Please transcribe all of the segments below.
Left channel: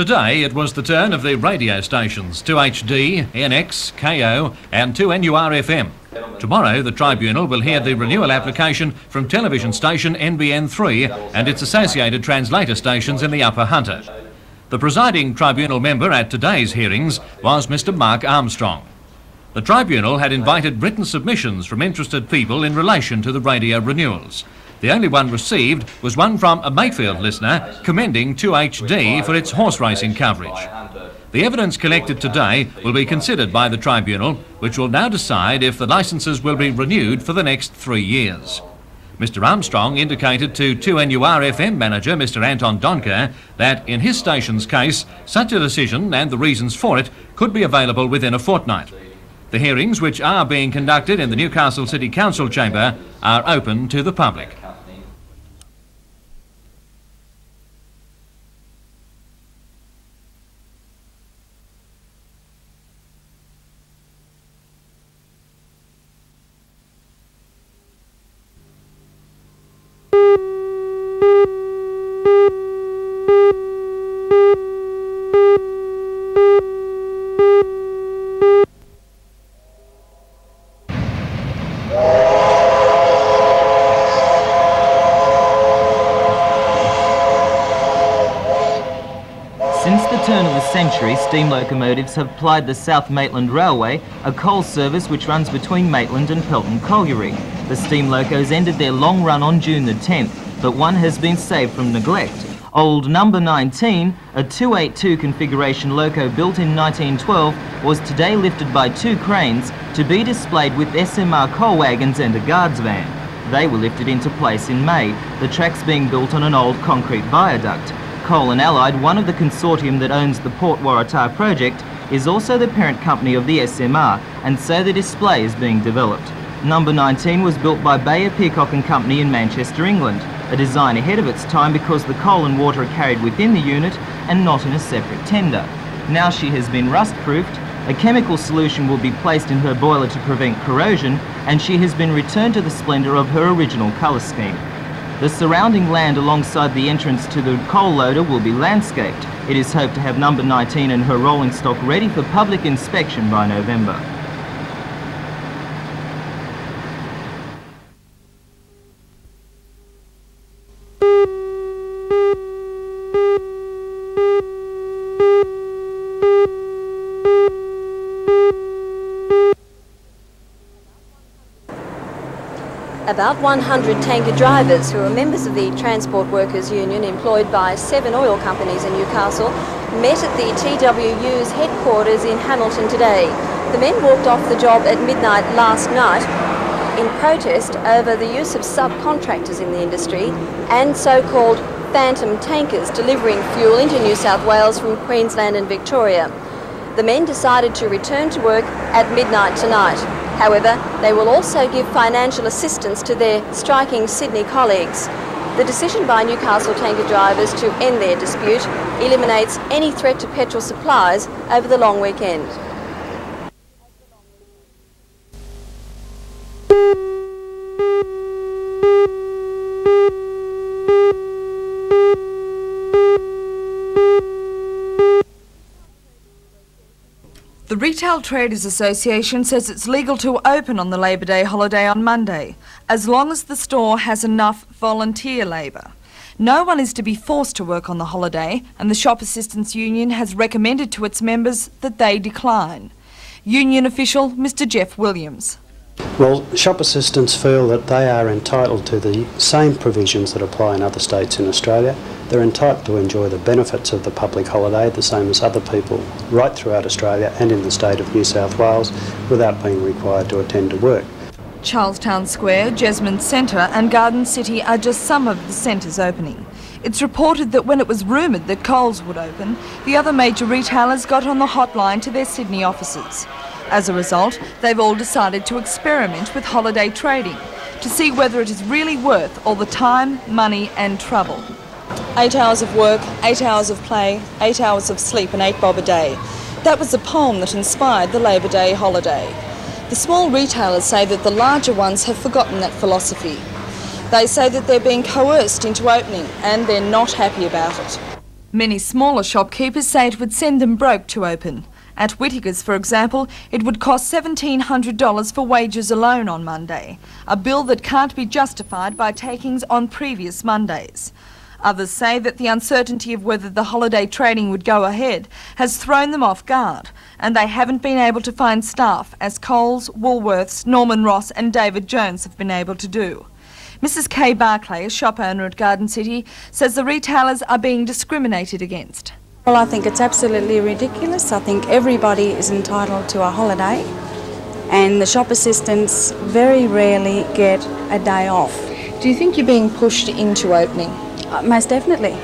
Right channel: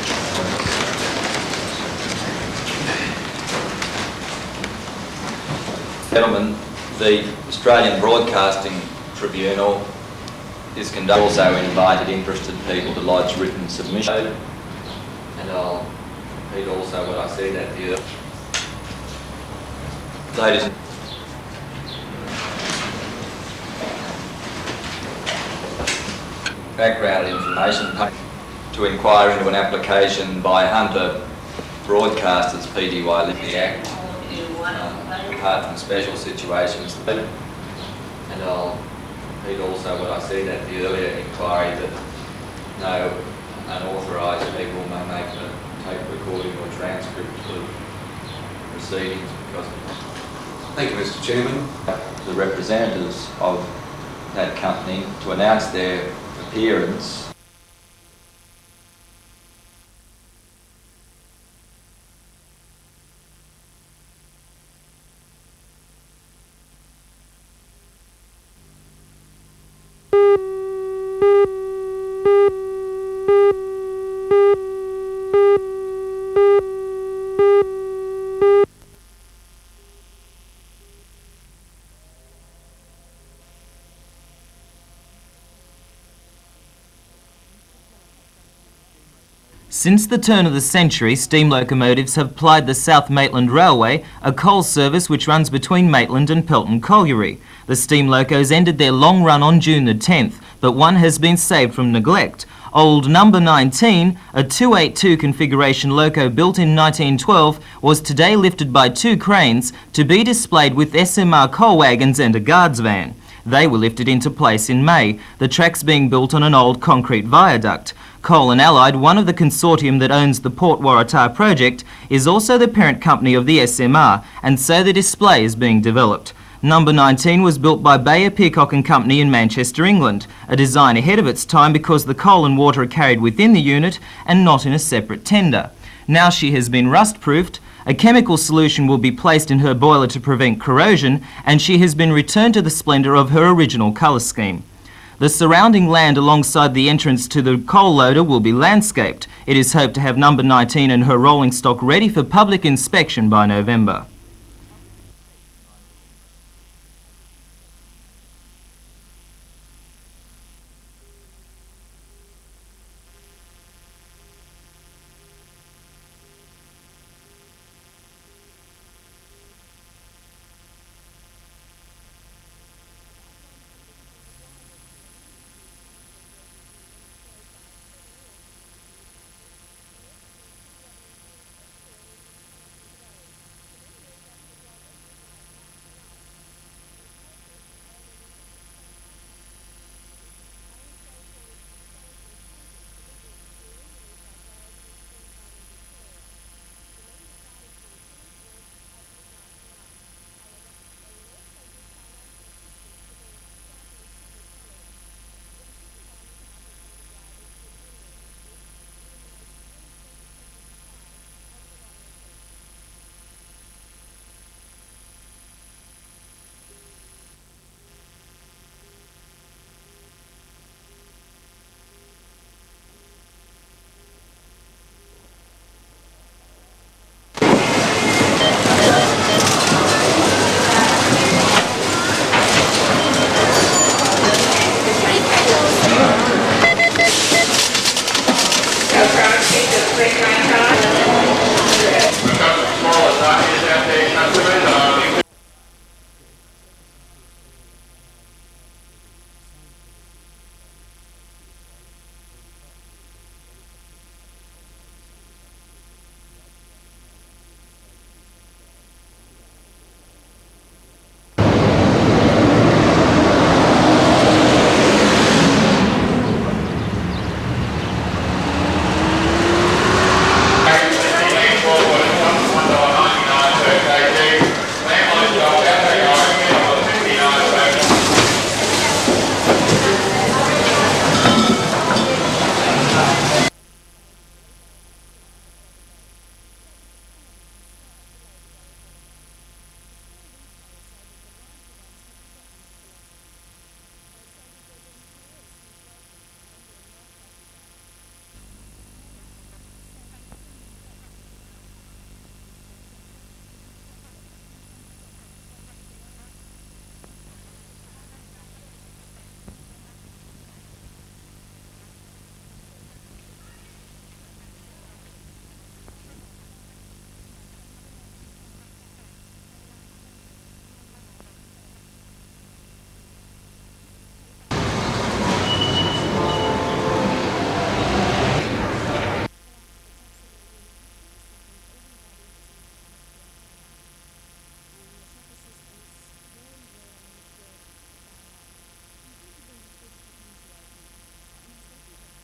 Today it was the turn of the radio stations, 2HD, NX, KO and 2NUR-FM. Tomorrow the Tribunal will hear the renewal application from television station NBN 3 and its associated translator stations in the Upper Hunter. The presiding Tribunal member at today's hearings was Mr Mark Armstrong. The Tribunal had invited written submissions from interested people in relation to the radio renewals. The only one received was one from a Mayfield listener commending 2HD for its horse racing coverage. The evidence collected today will be considered by the Tribunal, which will now decide if the licences will be renewed for the next 3 years. Mr Armstrong indicated to 2NUR-FM manager Mr Anton Donker that in his station's case, such a decision and the reasons for it could be available within a fortnight. The hearings, which are being conducted in the Newcastle City Council chamber, are open to the public. Company to announce their appearance. Since the turn of the century, steam locomotives have plied the South Maitland Railway, a coal service which runs between Maitland and Pelton Colliery. The steam locos ended their long run on June the 10th, but one has been saved from neglect. Old number 19, a 282 configuration loco built in 1912, was today lifted by 2 cranes to be displayed with SMR coal wagons and a guards van. They were lifted into place in May, the tracks being built on an old concrete viaduct. Coal and Allied, one of the consortium that owns the Port Waratah project, is also the parent company of the SMR, and so the display is being developed. Number 19 was built by Bayer Peacock and Company in Manchester, England, a design ahead of its time because the coal and water are carried within the unit and not in a separate tender. Now she has been rust-proofed, a chemical solution will be placed in her boiler to prevent corrosion, and she has been returned to the splendour of her original colour scheme. The surrounding land alongside the entrance to the coal loader will be landscaped. It is hoped to have number 19 and her rolling stock ready for public inspection by November. About 100 tanker drivers who are members of the Transport Workers Union employed by 7 oil companies in Newcastle met at the TWU's headquarters in Hamilton today. The men walked off the job at midnight last night in protest over the use of subcontractors in the industry and so-called phantom tankers delivering fuel into New South Wales from Queensland and Victoria. The men decided to return to work at midnight tonight. However, they will also give financial assistance to their striking Sydney colleagues. The decision by Newcastle tanker drivers to end their dispute eliminates any threat to petrol supplies over the long weekend. Says it's legal to open on the Labor Day holiday on Monday, as long as the store has enough volunteers. No one is to be forced to work on the holiday, and the shop assistance union has recommended to its members that they decline. Union official Mr Jeff Williams. Well, shop assistants feel that they are entitled to the same provisions that apply in other states in Australia. They're entitled to enjoy the benefits of the public holiday the same as other people right throughout Australia and in the state of New South Wales without being required to attend to work. Charlestown Square, Jasmine Centre and Garden City are just some of the centres open. It's reported that when it was rumoured that Coles, the other major retailers got him a hotline to their Sydney offices. As a result, they've all decided to experiment with holiday trading to see whether it is really worth all the time, money and fun. 8 hours of work, 8 hours of play, 8 hours of sleep and 8 bob a day. That was the poem that inspired the Labor Day holiday. The small retailers say that the larger ones have forgotten that philosophy. They say that they're being coerced into opening and they're not happy about it. Many smaller shopkeepers say it would send them broke to open. At Whittaker's, for example, it would cost $1,700 for wages alone on Monday, a bill that can't be justified by takings on previous Mondays. Others say that the uncertainty of whether the holiday trading would go ahead has thrown them off guard, and they haven't been able to find staff, as Coles, Woolworths, Norman Ross and David Jones have been able to do. Mrs Kay Barclay, a shop owner at Garden City, says the retailers are being discriminated against. Well, I think it's absolutely ridiculous. I think everybody is entitled to a holiday, and the shop assistants very rarely get a day off. Do you think you're being pushed into opening? Most definitely.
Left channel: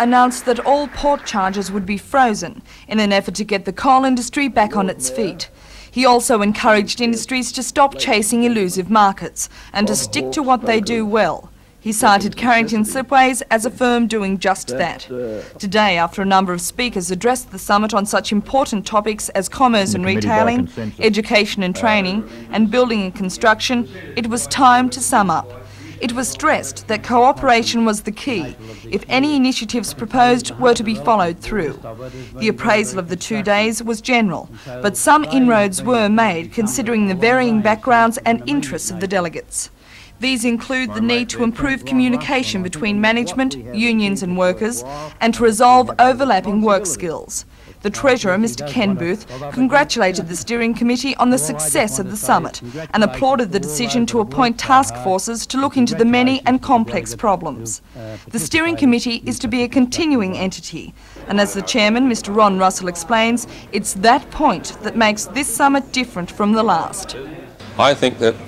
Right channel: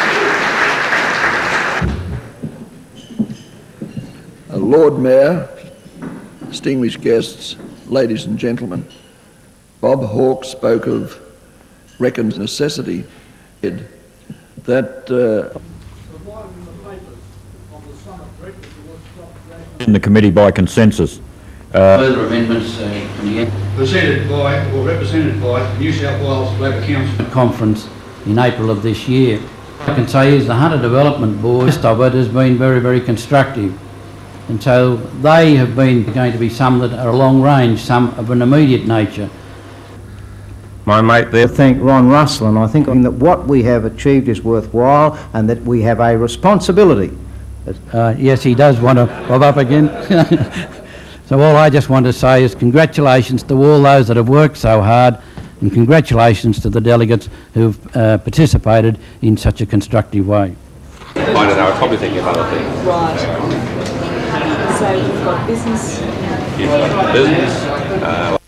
Announced that all port charges would be frozen in an effort to get the coal industry back on its feet. He also encouraged industries to stop chasing elusive markets and to stick to what they do well. He cited Carrington Slipways as a firm doing just that. Today, after a number of speakers addressed the summit on such important topics as commerce and retailing, education and training, and building and construction, it was time to sum up. It was stressed that cooperation was the key if any initiatives proposed were to be followed through. The appraisal of the 2 days was general, but some inroads were made considering the varying backgrounds and interests of the delegates. These include the need to improve communication between management, unions and workers, and to resolve overlapping work skills. The Treasurer, Mr Ken Booth, congratulated the steering committee on the success of the summit and applauded the decision to appoint task forces to look into the many and complex problems. The steering committee is to be a continuing entity. But as the chairman, Mr Ron Russell, explains, it's that point that makes this summit different from the last. I think that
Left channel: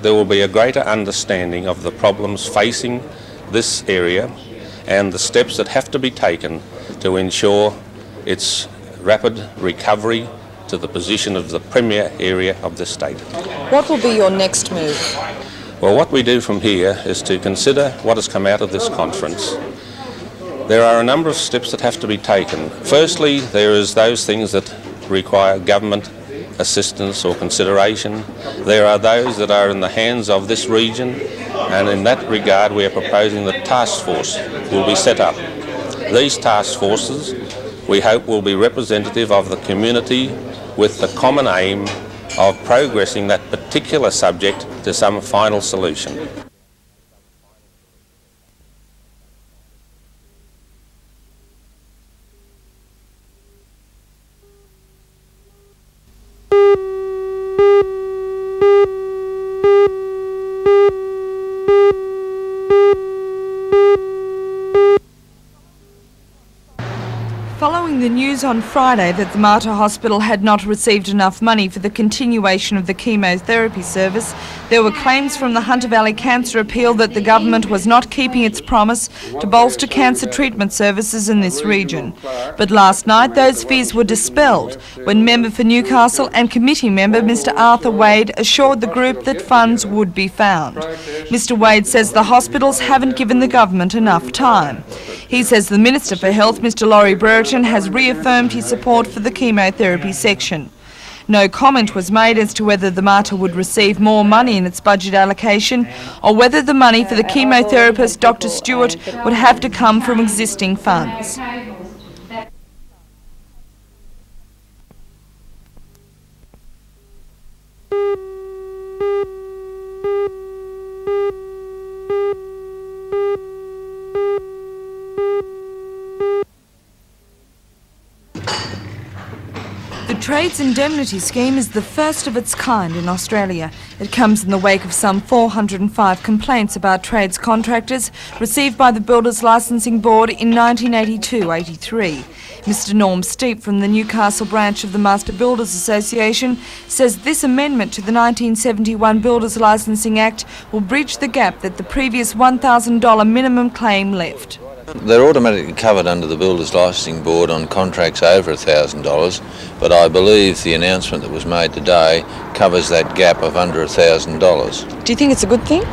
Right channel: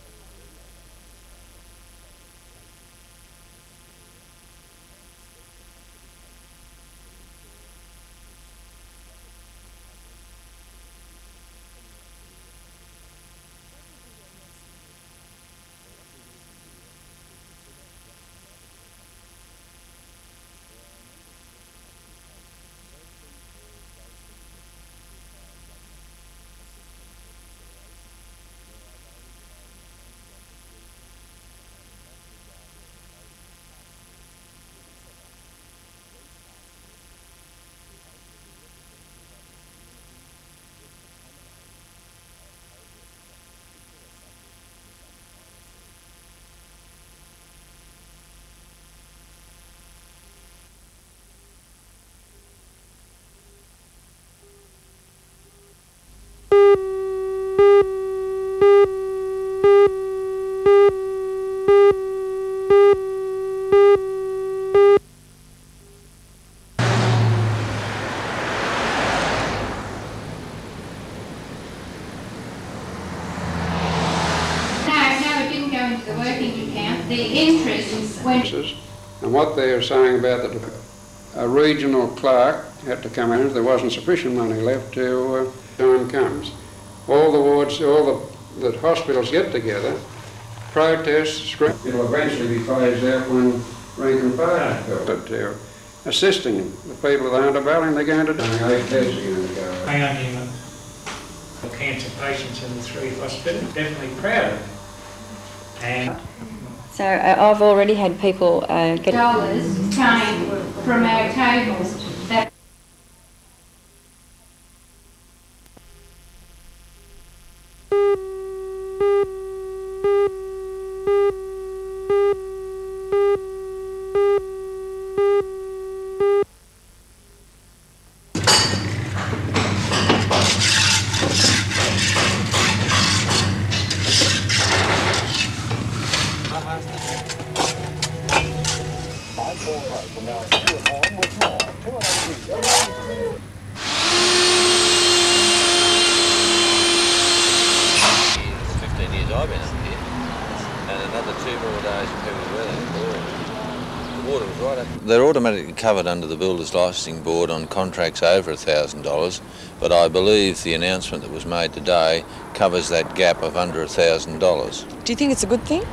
there will be a greater understanding of the problems facing this area and the steps that have to be taken to ensure its rapid recovery to the position of the premier area of the state. What will be your next move? Well, what we do from here is to consider what has come out of this conference. There are a number of steps that have to be taken. Firstly, there is those things that require government assistance or consideration. There are those that are in the hands of this region, and in that regard we are proposing that task force will be set up. These task forces, we hope, will be representative of the community with the common aim of progressing that particular subject to some final solution. On Friday that the Mater Hospital had not received enough money for the continuation of the chemotherapy service, there were claims from the Hunter Valley Cancer Appeal that the government was not keeping its promise to bolster cancer treatment services in this region. But last night those fears were dispelled when member for Newcastle and committee member Mr Arthur Wade assured the group that funds would be found. Mr Wade says the hospitals haven't given the government enough time. He says the Minister for Health, Mr Laurie Brereton, has reaffirmed his support for the chemotherapy section. No comment was made as to whether the Mater would receive more money in its budget allocation or whether the money for the chemotherapist Dr Stewart would have to come from existing funds. Indemnity scheme is the first of its kind in Australia. It comes in the wake of some 405 complaints about trades contractors received by the Builders Licensing Board in 1982-83. Mr Norm Steep from the Newcastle branch of the Master Builders Association says this amendment to the 1971 Builders Licensing Act will bridge the gap that the previous $1,000 minimum claim left. They're automatically covered under the Builders Licensing Board on contracts over $1,000, but I believe the announcement that was made today covers that gap of under $1,000. Do you think it's a good thing?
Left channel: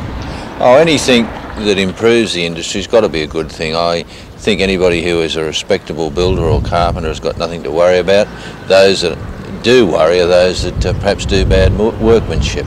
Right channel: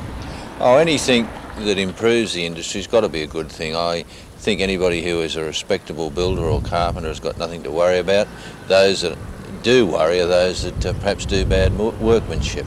Oh, anything that improves the industry has got to be a good thing. I think anybody who is a respectable builder or carpenter has got nothing to worry about. Those that do worry are those that perhaps do bad workmanship.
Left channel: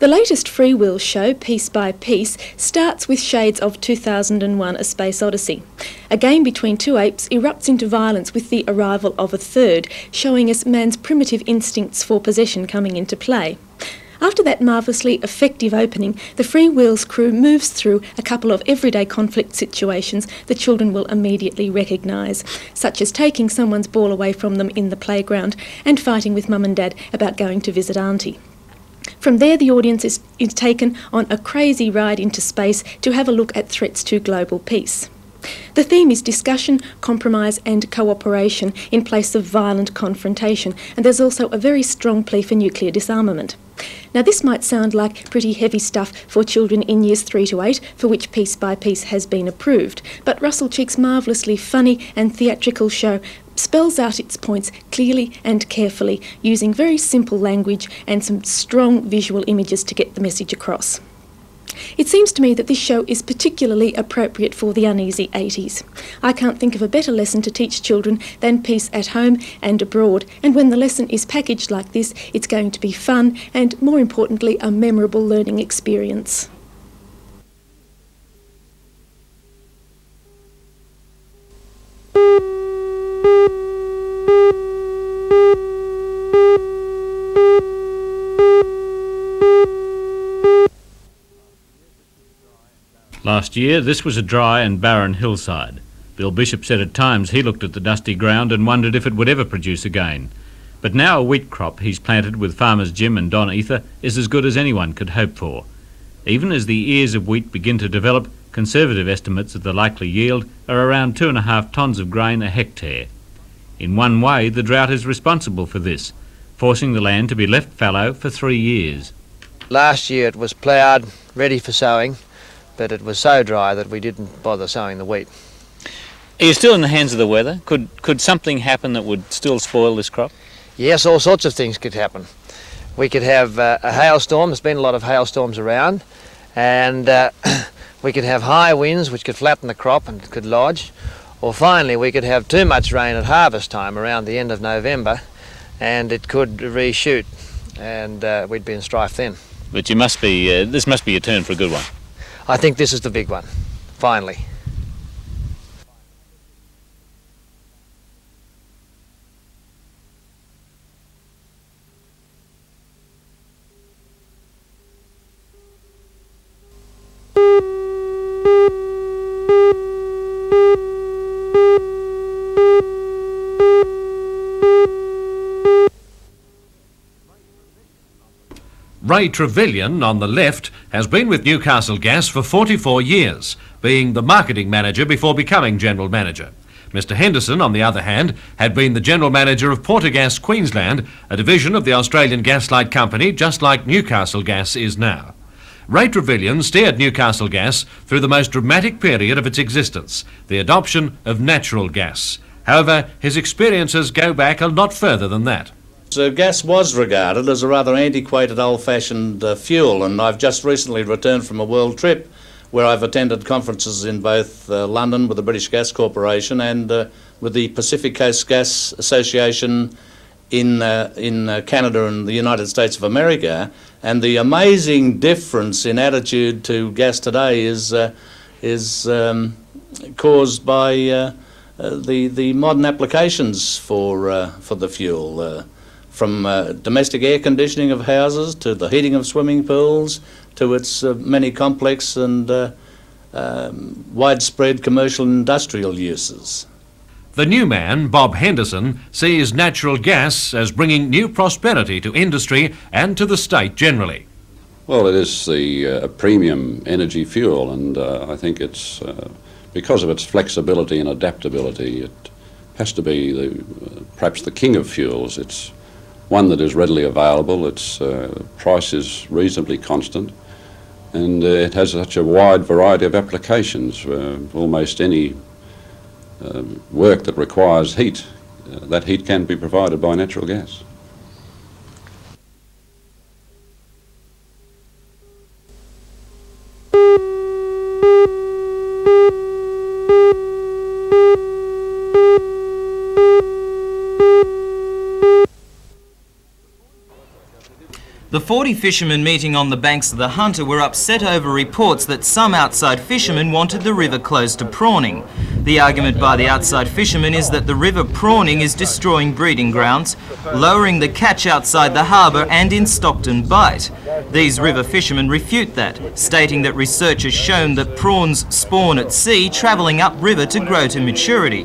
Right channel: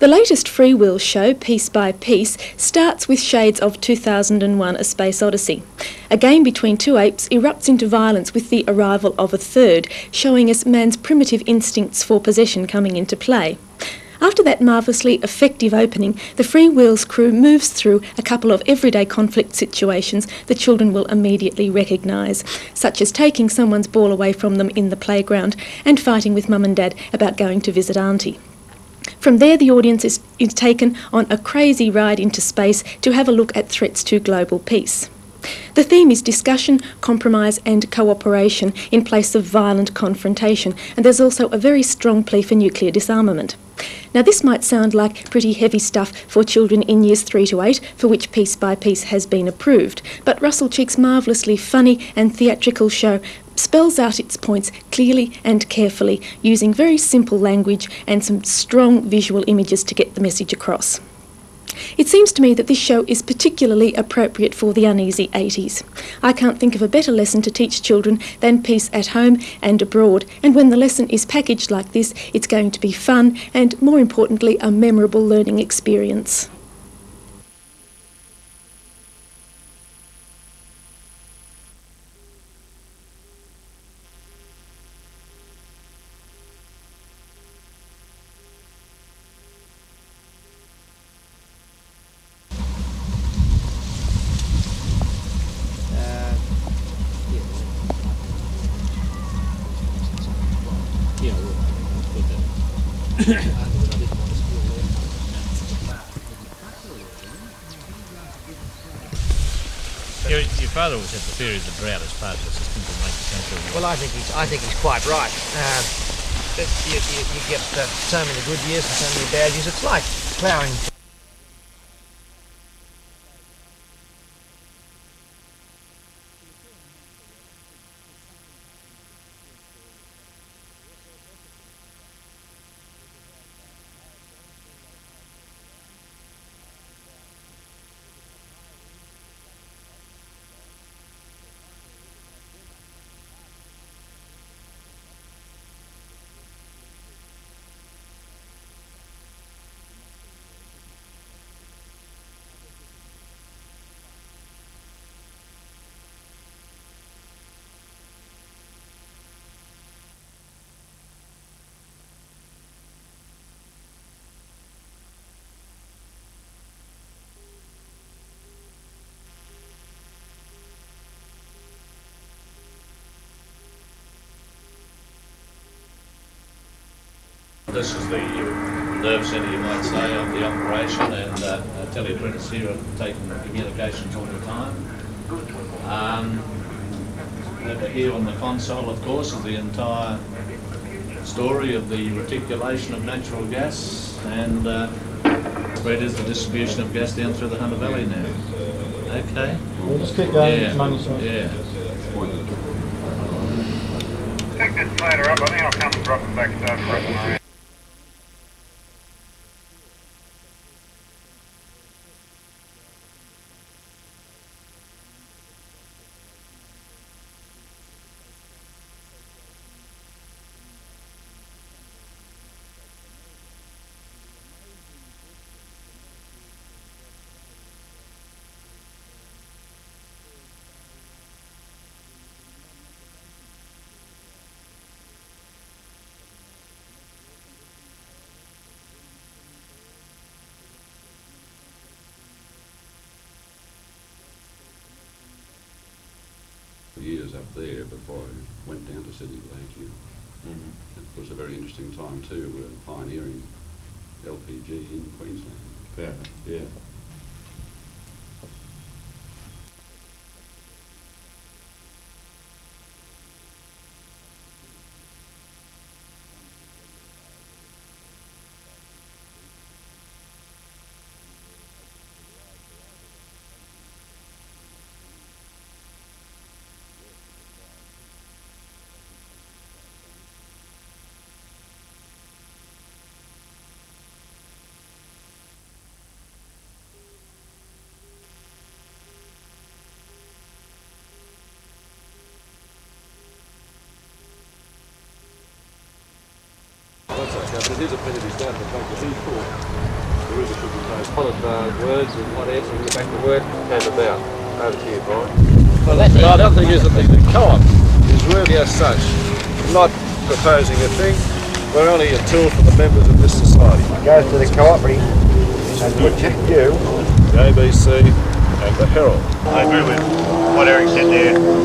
The latest freewheel show, Piece by Piece, starts with shades of 2001: A Space Odyssey. A game between two apes erupts into violence with the arrival of a third, showing us man's primitive instincts for possession coming into play. After that marvellously effective opening, the Freewheel's crew moves through a couple of everyday conflict situations the children will immediately recognise, such as taking someone's ball away from them in the playground and fighting with mum and dad about going to visit auntie. From there, the audience is taken on a crazy ride into space to have a look at threats to global peace. The theme is discussion, compromise and cooperation in place of violent confrontation, and there's also a very strong plea for nuclear disarmament. Now, this might sound like pretty heavy stuff for children in years 3 to 8, for which Piece by Piece has been approved, but Russell Cheek's marvellously funny and theatrical show spells out its points clearly and carefully, using very simple language and some strong visual images to get the message across. It seems to me that this show is particularly appropriate for the uneasy 80s. I can't think of a better lesson to teach children than peace at home and abroad, and when the lesson is packaged like this, it's going to be fun and, more importantly, a memorable learning experience. Last year, this was a dry and barren hillside. Bill Bishop said at times he looked at the dusty ground and wondered if it would ever produce again. But now a wheat crop he's planted with farmers Jim and Don Ether is as good as anyone could hope for. Even as the ears of wheat begin to develop, conservative estimates of the likely yield are around 2.5 tonnes of grain a hectare. In one way, the drought is responsible for this, forcing the land to be left fallow for 3 years. Last year it was ploughed, ready for sowing, but it was so dry that we didn't bother sowing the wheat. Are you still in the hands of the weather? Could something happen that would still spoil this crop? Yes, all sorts of things could happen. We could have a hailstorm. There's been a lot of hailstorms around, and we could have high winds which could flatten the crop and could lodge. Or finally, we could have too much rain at harvest time around the end of November, and it could reshoot, and we'd be in strife then. But you must be. This must be a turn for a good one. I think this is the big one, finally. Ray Trevelyan, on the left, has been with Newcastle Gas for 44 years, being the marketing manager before becoming general manager. Mr Henderson, on the other hand, had been the general manager of Portergas Queensland, a division of the Australian Gaslight Company, just like Newcastle Gas is now. Ray Trevelyan steered Newcastle Gas through the most dramatic period of its existence, the adoption of natural gas. However, his experiences go back a lot further than that. Gas was regarded as a rather antiquated, old-fashioned fuel, and I've just recently returned from a world trip where I've attended conferences in both London with the British Gas Corporation and with the Pacific Coast Gas Association in Canada and the United States of America. And the amazing difference in attitude to gas today is caused by the modern applications for the fuel, from domestic air conditioning of houses to the heating of swimming pools to its many complex and widespread commercial and industrial uses. The new man, Bob Henderson, sees natural gas as bringing new prosperity to industry and to the state generally. Well, it is a premium energy fuel, and I think it's, because of its flexibility and adaptability, it has to be perhaps the king of fuels. It's one that is readily available, its price is reasonably constant, and it has such a wide variety of applications. Almost any work that requires heat, that heat can be provided by natural gas. The 40 fishermen meeting on the banks of the Hunter were upset over reports that some outside fishermen wanted the river closed to prawning. The argument by the outside fishermen is that the river prawning is destroying breeding grounds, lowering the catch outside the harbour and in Stockton Bight. These river fishermen refute that, stating that research has shown that prawns spawn at sea, travelling upriver to grow to maturity.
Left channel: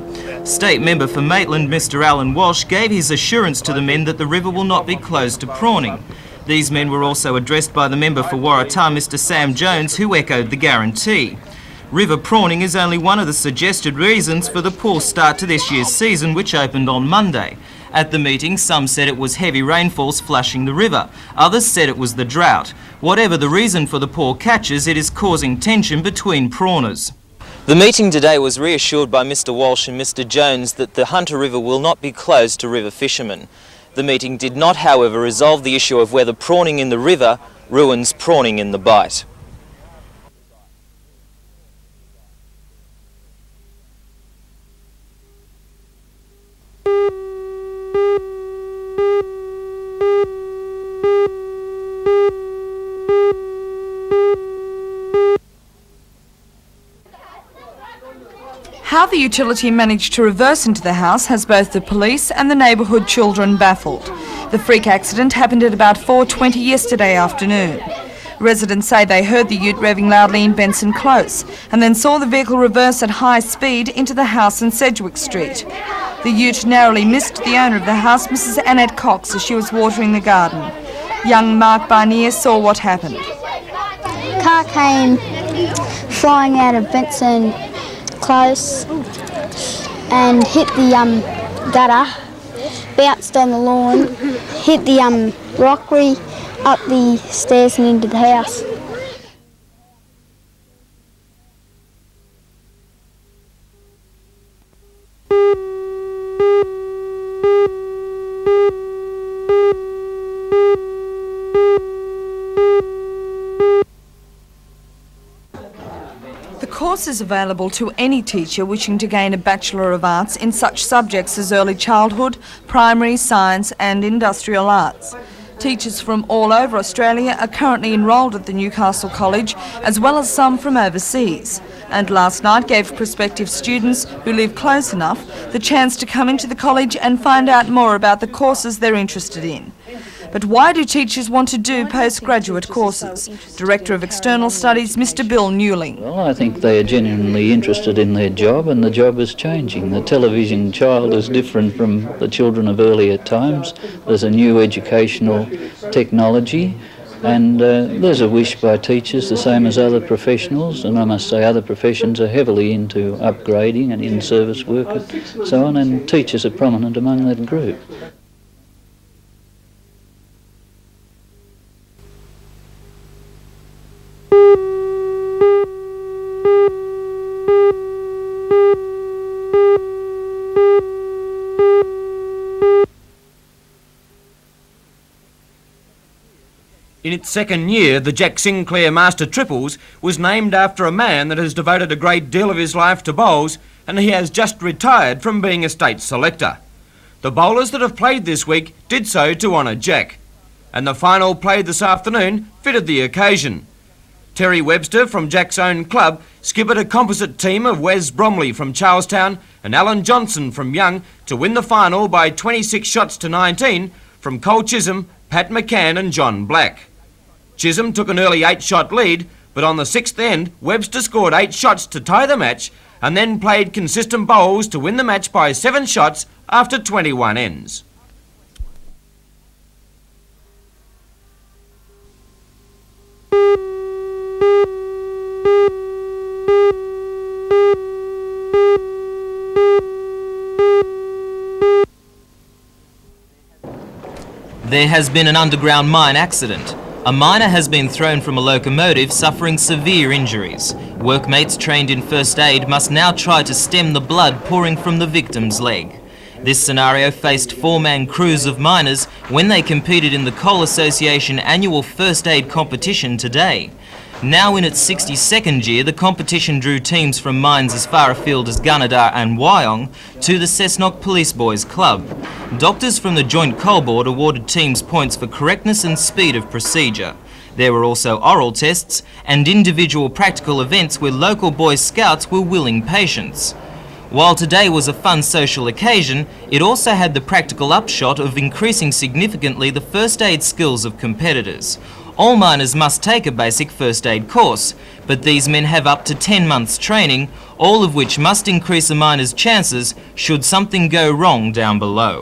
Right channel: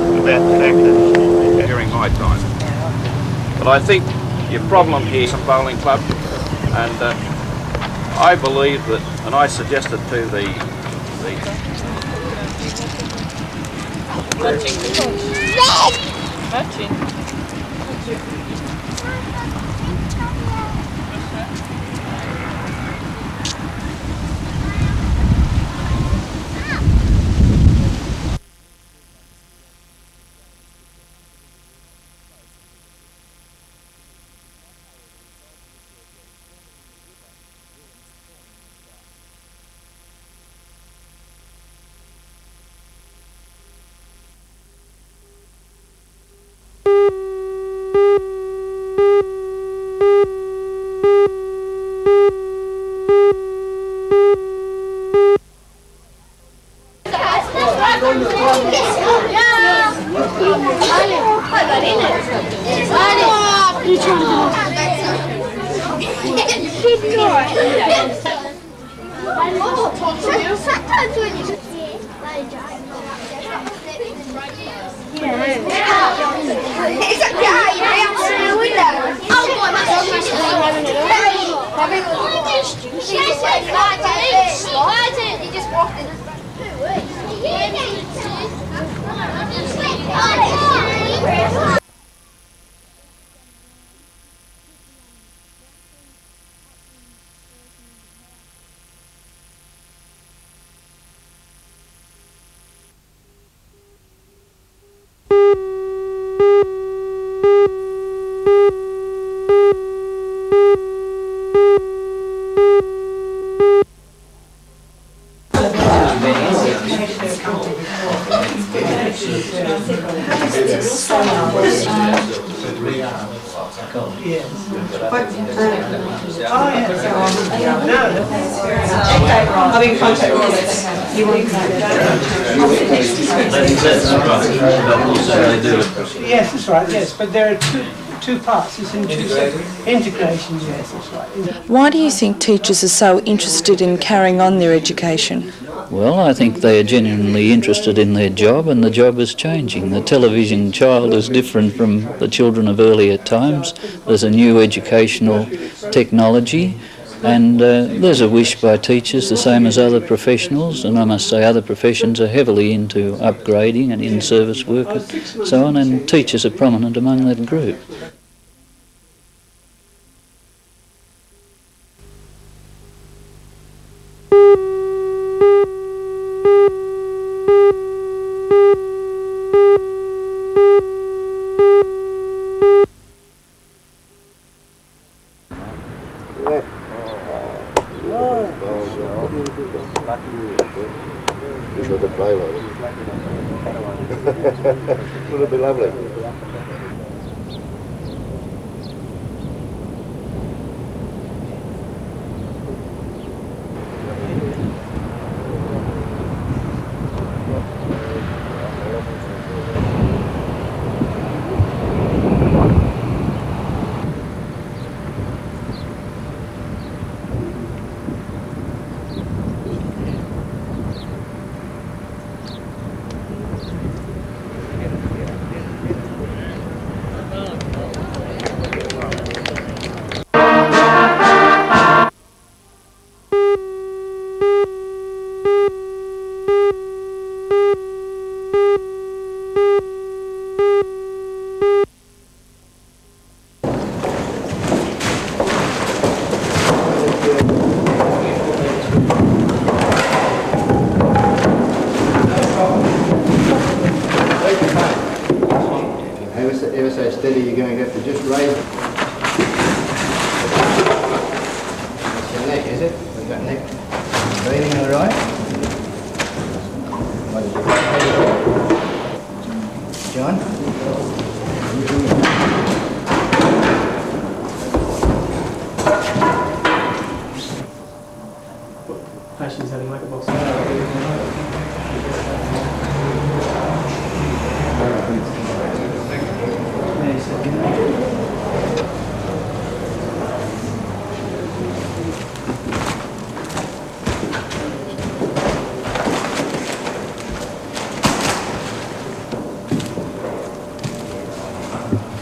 State member for Maitland, Mr Alan Walsh, gave his assurance to the men that the river will not be closed to prawning. These men were also addressed by the member for Waratah, Mr Sam Jones, who echoed the guarantee. River prawning is only one of the suggested reasons for the poor start to this year's season, which opened on Monday. At the meeting, some said it was heavy rainfalls flushing the river. Others said it was the drought. Whatever the reason for the poor catches, it is causing tension between prawners. The meeting today was reassured by Mr Walsh and Mr Jones that the Hunter River will not be closed to river fishermen. The meeting did not, however, resolve the issue of whether prawning in the river ruins prawning in the Bight. How the utility managed to reverse into the house has both the police and the neighbourhood children baffled. The freak accident happened at about 4:20 yesterday afternoon. Residents say they heard the ute revving loudly in Benson Close and then saw the vehicle reverse at high speed into the house in Sedgwick Street. The ute narrowly missed the owner of the house, Mrs Annette Cox, as she was watering the garden. Young Mark Barnier saw what happened. Car came flying out of Benson Close and hit the gutter, bounced on the lawn, hit the rockery, up the stairs and into the house. Available to any teacher wishing to gain a Bachelor of Arts in such subjects as early childhood, primary, science and industrial arts. Teachers from all over Australia are currently enrolled at the Newcastle College, as well as some from overseas. And last night gave prospective students who live close enough the chance to come into the college and find out more about the courses they're interested in. But why do teachers want to do Why do you think postgraduate teachers courses? are so interested in carrying on their education? Mr. Bill Newling. Well, I think they are genuinely interested in their job, and the job is changing. The television child is different from the children of earlier times. There's a new educational technology, and there's a wish by teachers, the same as other professionals, and I must say other professions are heavily into upgrading and in-service work and so on, and teachers are prominent among that group. In its second year, the Jack Sinclair Master Triples was named after a man that has devoted a great deal of his life to bowls, and he has just retired from being a state selector. The bowlers that have played this week did so to honour Jack, and the final played this afternoon fitted the occasion. Terry Webster from Jack's own club skippered a composite team of Wes Bromley from Charlestown and Alan Johnson from Young to win the final by 26 shots to 19 from Cole Chisholm, Pat McCann and John Black. Chisholm took an early 8-shot lead, but on the 6th end, Webster scored 8 shots to tie the match and then played consistent bowls to win the match by 7 shots after 21 ends. There has been an underground mine accident. A miner has been thrown from a locomotive suffering severe injuries. Workmates trained in first aid must now try to stem the blood pouring from the victim's leg. This scenario faced four-man crews of miners when they competed in the Coal Association annual first aid competition today. Now in its 62nd year, the competition drew teams from mines as far afield as Gunnedah and Wyong to the Cessnock Police Boys Club. Doctors from the Joint Coal Board awarded teams points for correctness and speed of procedure. There were also oral tests and individual practical events where local Boy Scouts were willing patients. While today was a fun social occasion, it also had the practical upshot of increasing significantly the first aid skills of competitors. All miners must take a basic first aid course, but these men have up to 10 months training, all of which must increase a miner's chances should something go wrong down below.